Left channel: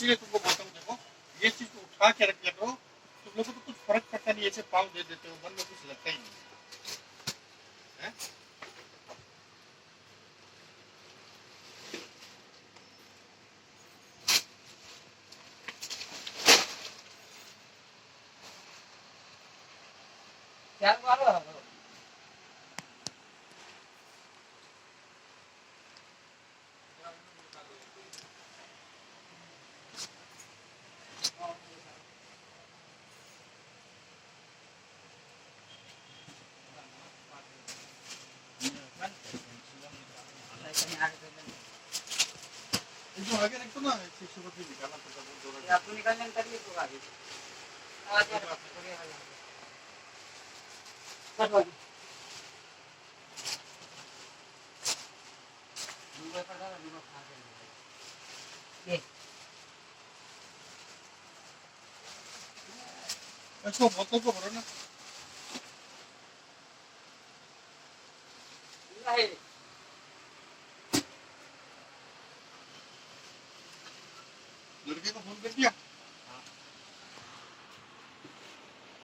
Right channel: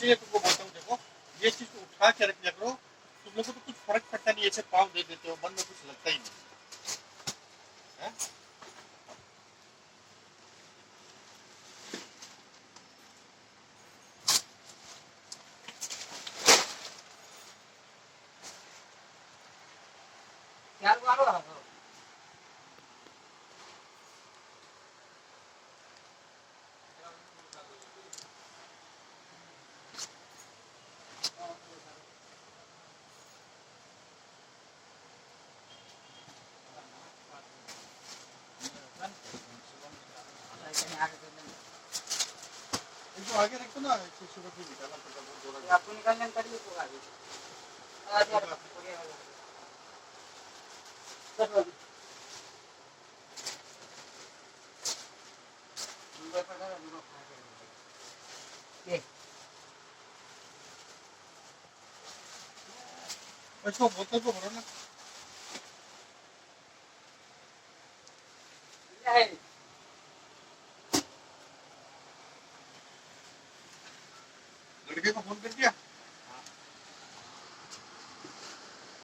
चीजें तुमको बोलता हूँ, देखो ये चीज उठा के रख लिया करो, तुम लोग को तो कुछ फर्क पड़ता नहीं, ऐसे पाव दे देते हो, मन में कुछ लगता ही नहीं है। इसको आगे रखो ना, शुगर भी निकालना पड़ता है, आपको निकालने करिए तो आगे इसको बोतल को भरो ना। लड़के को फोन कर दिया।